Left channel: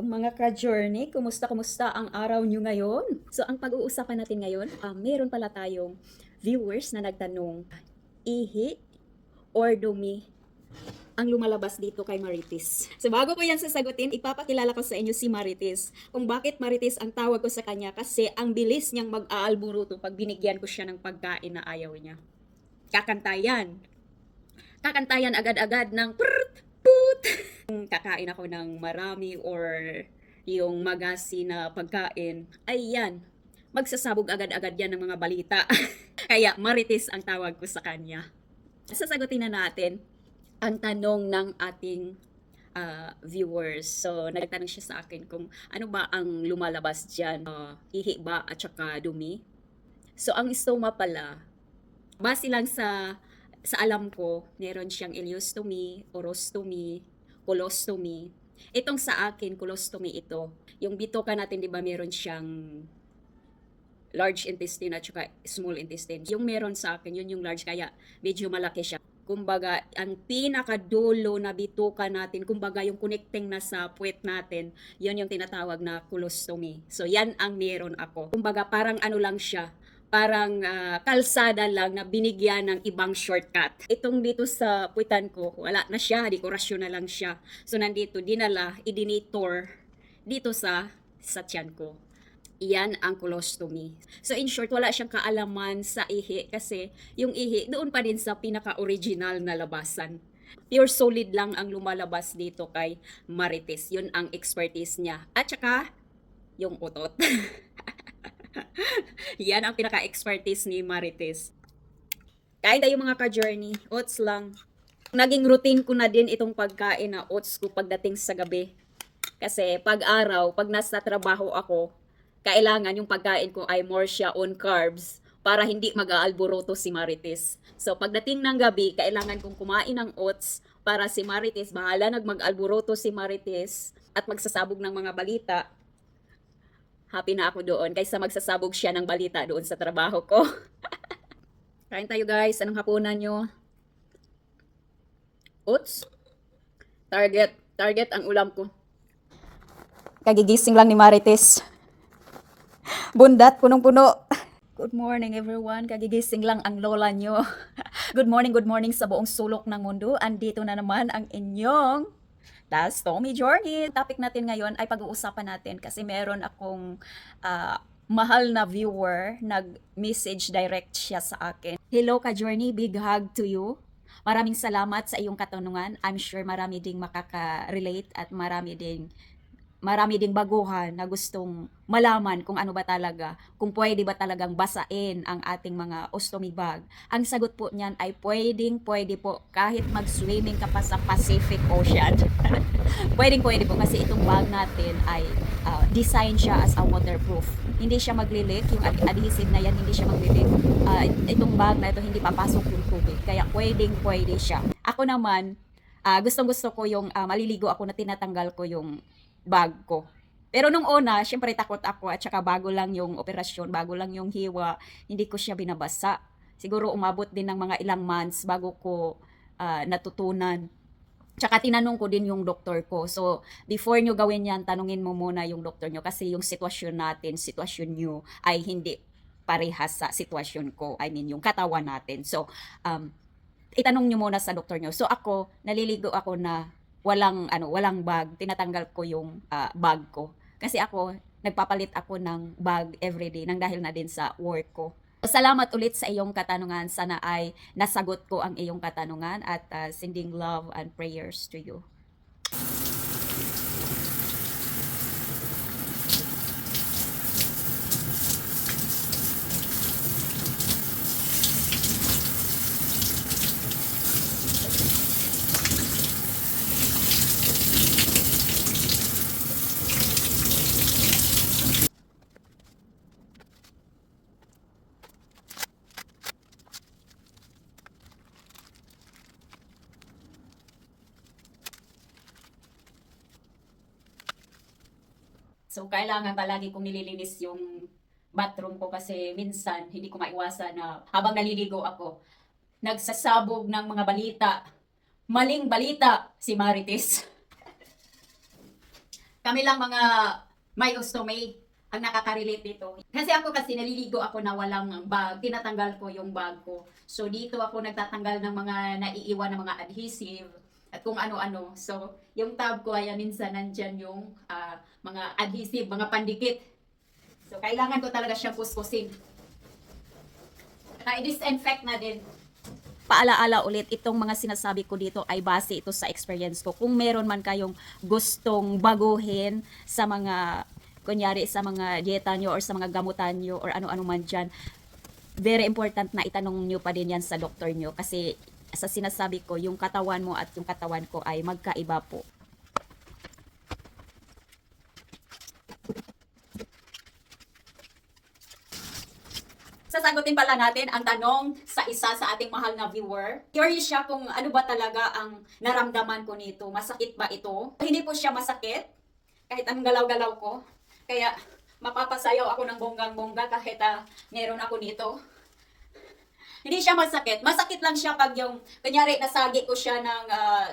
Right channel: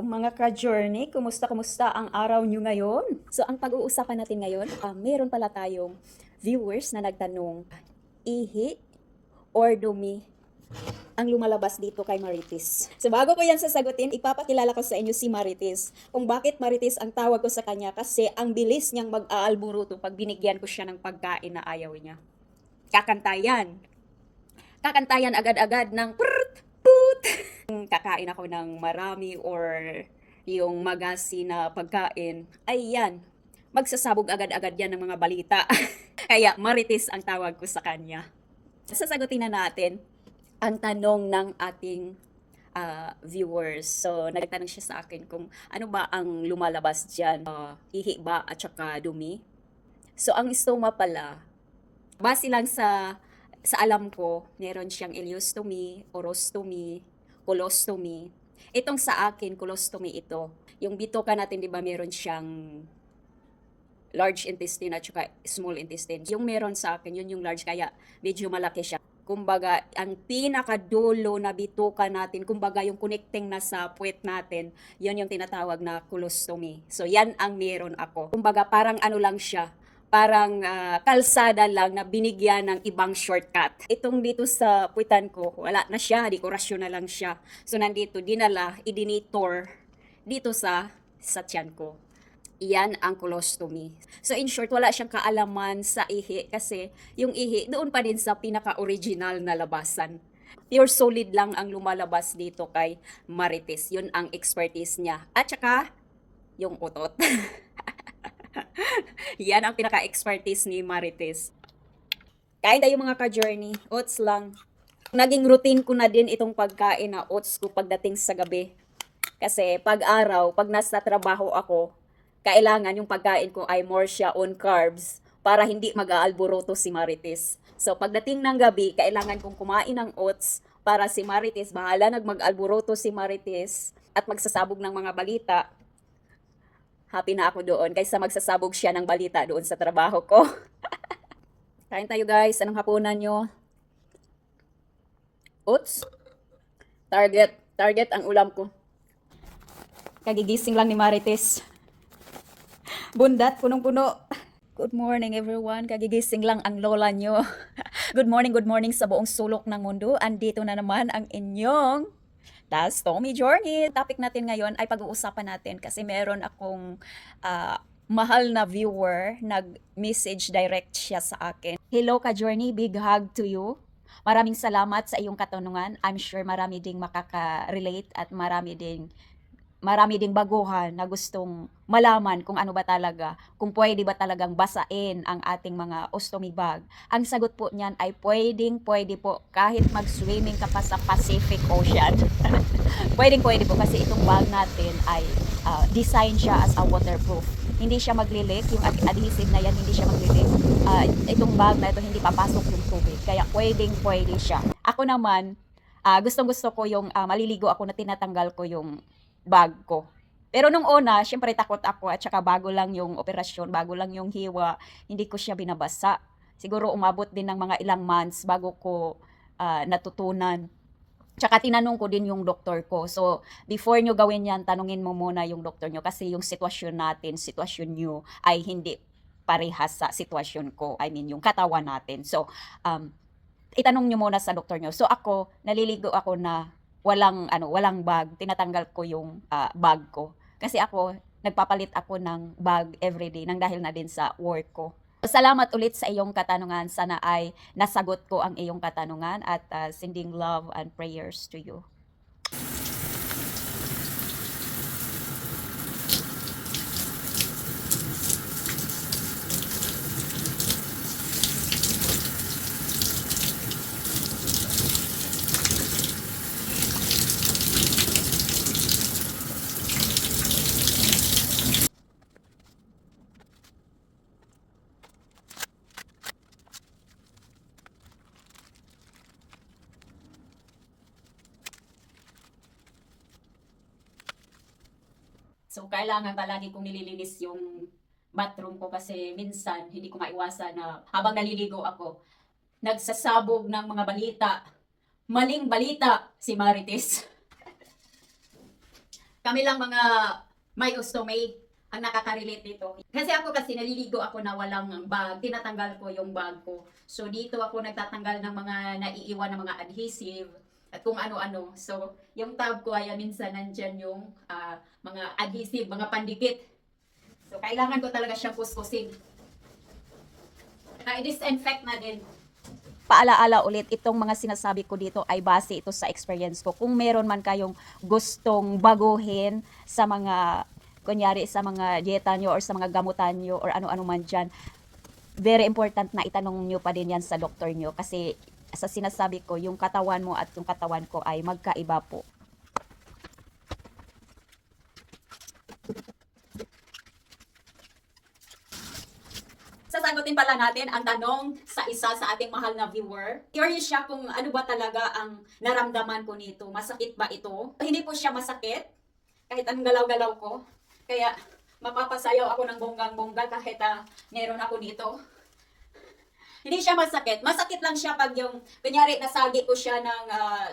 Hello mga ka-journey, kumusta ang araw nyo ngayon? So ang pag-uusapan natin ngayon, meron pala tayong viewers na nagtanong, ihi or dumi ang lumalabas dito kay Marites. So bago ko yan sasagutin, ipapakilala ko sa inyo si Marites. Kung bakit Marites ang tawag ko sa kanya, kasi ang bilis niyang mag-aalburuto pag binigyan ko siya ng pagkain na ayaw niya. Kakantayan. Kakantayan agad-agad ng prrt, put. Kakain ako ng marami or yung magasi na pagkain, ay yan, magsasabog agad-agad yan ng mga balita. Kaya Marites ang tawag ko sa kanya. Sasagutin na natin ang tanong ng ating viewers. So, nagtanong siya sa akin kung ano ba ang lumalabas dyan. Ihi ba at saka dumi? So, ang stoma pala, base lang sa alam ko, meron siyang ileostomy, orostomy, colostomy. Itong sa akin, colostomy ito. Yung bitoka natin, di ba, meron siyang large intestine at saka small intestine. Yung meron sa akin, yun yung large, kaya medyo malaki siya. Kumbaga, ang pinakadulo na bituka natin, kumbaga yung connecting na sa puwet natin, yun yung tinatawag na colostomy. So, yan ang meron ako. Kumbaga, parang ano lang siya, parang kalsada lang na binigyan ng ibang shortcut. Itong dito sa puwitan ko, wala na siya, dekorasyon na lang siya. So, nandito, dinala, idinitor dito sa tiyan ko. Iyan ang colostomy. So in short, wala siyang kaalaman sa ihi kasi yung ihi doon pa din sa pinaka-original na labasan. Pure solid lang ang lumalabas dito kay Marites. Yun ang expertise niya. At saka, yung utot. Yan ang pinaka-expertise ni Marites. Kain tayo mga ka-journey. Oats lang. Naging routine ko na din itong pagkain na oats ko pagdating sa gabi. Kasi pag araw, pag nasa trabaho ako, kailangan yung pagkain ko ay more siya on carbs para hindi mag-aalboroto si Marites. So pagdating ng gabi, kailangan kong kumain ng oats para si Marites, bahala mag-alboroto si Marites at magsasabog ng mga balita. Happy na ako doon kaysa magsasabog siya ng balita doon sa trabaho ko. Kain tayo guys, anong hapunan nyo? Oats? Target ang ulam ko. Kagigising lang ni Marites. Bundat, punong-puno. Good morning everyone. Kagigising lang ang lola nyo. Good morning sa buong sulok ng mundo. Andito na naman ang inyong Das Tommy Journey. Topic natin ngayon ay pag-uusapan natin kasi meron akong mahal na viewer, nag-message direct siya sa akin. Hello ka Journey, big hug to you. Maraming salamat sa iyong katanungan. I'm sure marami ding makaka-relate at marami ding baguhan na gustong malaman kung ano ba talaga, kung pwede ba talagang basain ang ating mga ostomy bag. Ang sagot po niyan ay pwede po kahit mag-swimming ka pa sa Pacific Ocean. pwede po kasi itong bag natin ay design siya as a waterproof. Hindi siya maglilik, yung adhesive na yan hindi siya maglilik. Itong bag na ito hindi papasok yung tubig, kaya pwede siya. Ako naman, gustong-gusto ko yung maliligo ako na tinatanggal ko yung bag ko. Pero nung una, syempre takot ako at saka bago lang yung operasyon, bago lang yung hiwa, hindi ko siya binabasa. Siguro umabot din ng mga ilang months bago ko natutunan. Tsaka tinanong ko din yung doktor ko. So, before nyo gawin yan, tanungin mo muna yung doktor nyo kasi yung sitwasyon natin, sitwasyon nyo ay hindi parehas sa sitwasyon ko. I mean, yung katawan natin. So, itanong nyo muna sa doktor nyo. So, ako, naliligo ako na walang bag, tinatanggal ko yung bag ko. Kasi ako, nagpapalit ako ng bag everyday nang dahil na din sa work ko. Salamat ulit sa iyong katanungan. Sana ay nasagot ko ang iyong katanungan at sending love and prayers to you. So, kailangan palagi kong nililinis yung bathroom ko kasi minsan hindi ko maiwasan na habang naliligo ako, nagsasabog ng mga balita. Maling balita si Marites. Kami lang mga may ostomaid ang nakaka-relate dito. Kasi naliligo ako na walang bag, tinatanggal ko yung bag ko. So dito ako nagtatanggal ng mga naiiwan ng mga adhesive at kung ano-ano. So yung tab ko ay minsan nandyan yung mga adhesive, mga pandikit. So kailangan ko talaga siyang kuskusin. I-disinfect na din. Paalaala ulit, itong mga sinasabi ko dito ay base ito sa experience ko. Kung meron man kayong gustong baguhin sa mga, kunyari sa mga dieta nyo or sa mga gamutan nyo or ano-ano man dyan, very important na itanong nyo pa din yan sa doktor nyo. Kasi sa sinasabi ko, yung katawan mo at yung katawan ko ay magkaiba po. Sasagutin pala natin ang tanong sa isa sa ating mahal na viewer. Curious siya kung ano ba talaga ang naramdaman ko nito. Masakit ba ito? Hindi po siya masakit. Kahit anong galaw-galaw ko. Kaya mapapasayaw ako ng bonggang-bongga kahit meron ako dito. Hindi siya masakit. Masakit lang siya pag yung, kunyari, nasagi ko siya ng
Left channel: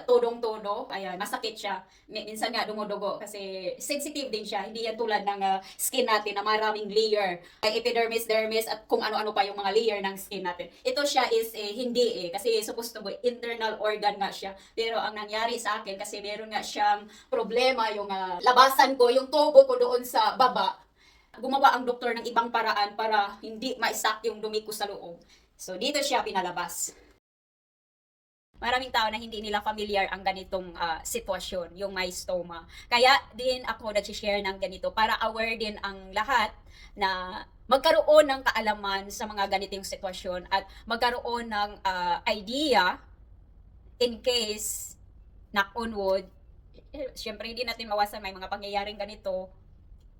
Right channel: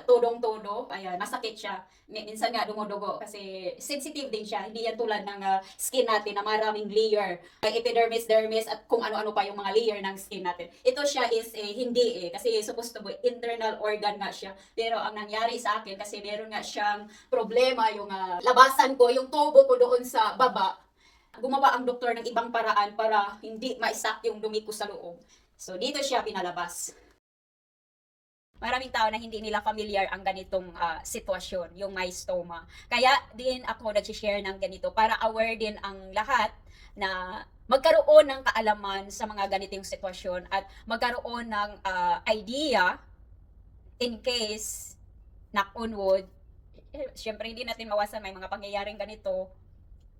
tudong-tudo. Ayan, masakit siya. Minsan nga dumudugo kasi sensitive din siya. Hindi yan tulad ng skin natin na maraming layer. Epidermis, dermis, at kung ano-ano pa yung mga layer ng skin natin. Ito siya is hindi kasi supposed to be internal organ nga siya. Pero ang nangyari sa akin kasi meron nga siyang problema yung labasan ko, yung tubo ko doon sa baba. Gumawa ang doktor ng ibang paraan para hindi maisak yung dumi ko sa loob. So, dito siya pinalabas. Maraming tao na hindi nila familiar ang ganitong sitwasyon, yung mystoma. Kaya din ako nag-share ng ganito para aware din ang lahat na magkaroon ng kaalaman sa mga ganitong sitwasyon at magkaroon ng idea in case, knock on wood, syempre hindi natin mawasan may mga pangyayaring ganito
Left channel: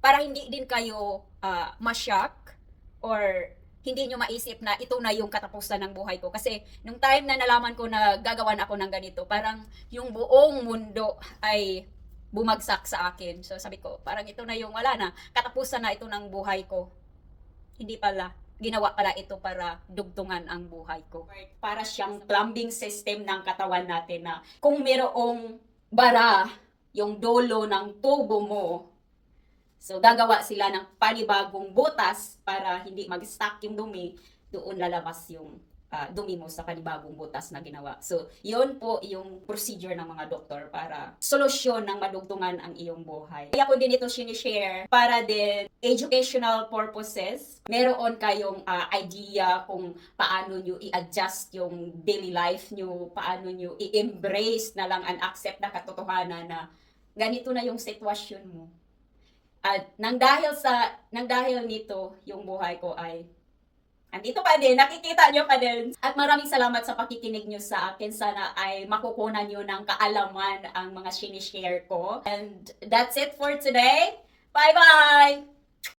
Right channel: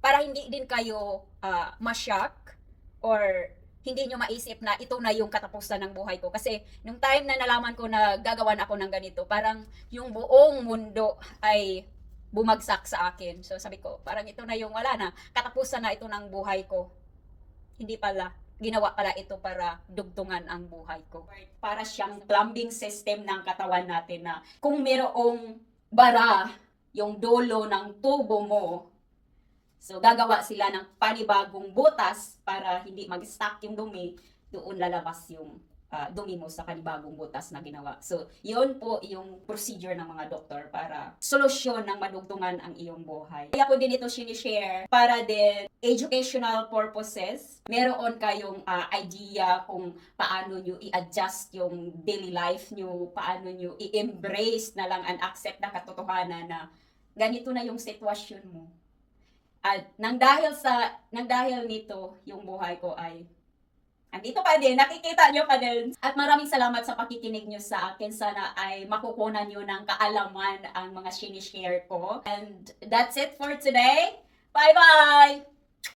para hindi din kayo ma-shock or hindi nyo maisip na ito na yung katapusan ng buhay ko. Kasi nung time na nalaman ko na gagawan ako ng ganito, parang yung buong mundo ay bumagsak sa akin. So sabi ko, parang ito na yung wala na, katapusan na ito ng buhay ko. Hindi pala. Ginawa pala ito para dugtungan ang buhay ko. Para siyang plumbing system ng katawan natin na kung mayroong bara yung dulo ng tubo mo, so, gagawa sila ng panibagong butas para hindi mag-stuck yung dumi, doon lalabas yung dumi mo sa panibagong butas na ginawa. So, yun po yung procedure ng mga doktor para solusyon ng madugtungan ang iyong buhay. Kaya ko din ito sinishare para din educational purposes. Meron kayong idea kung paano nyo i-adjust yung daily life nyo, paano nyo i-embrace na lang and accept na katotohanan na ganito na yung sitwasyon mo. At nang dahil nito, yung buhay ko ay andito pa din, nakikita nyo pa din. At maraming salamat sa pakikinig nyo sa akin. Sana ay makukunan nyo ng kaalaman ang mga sinishare ko. And that's it for today. Bye-bye!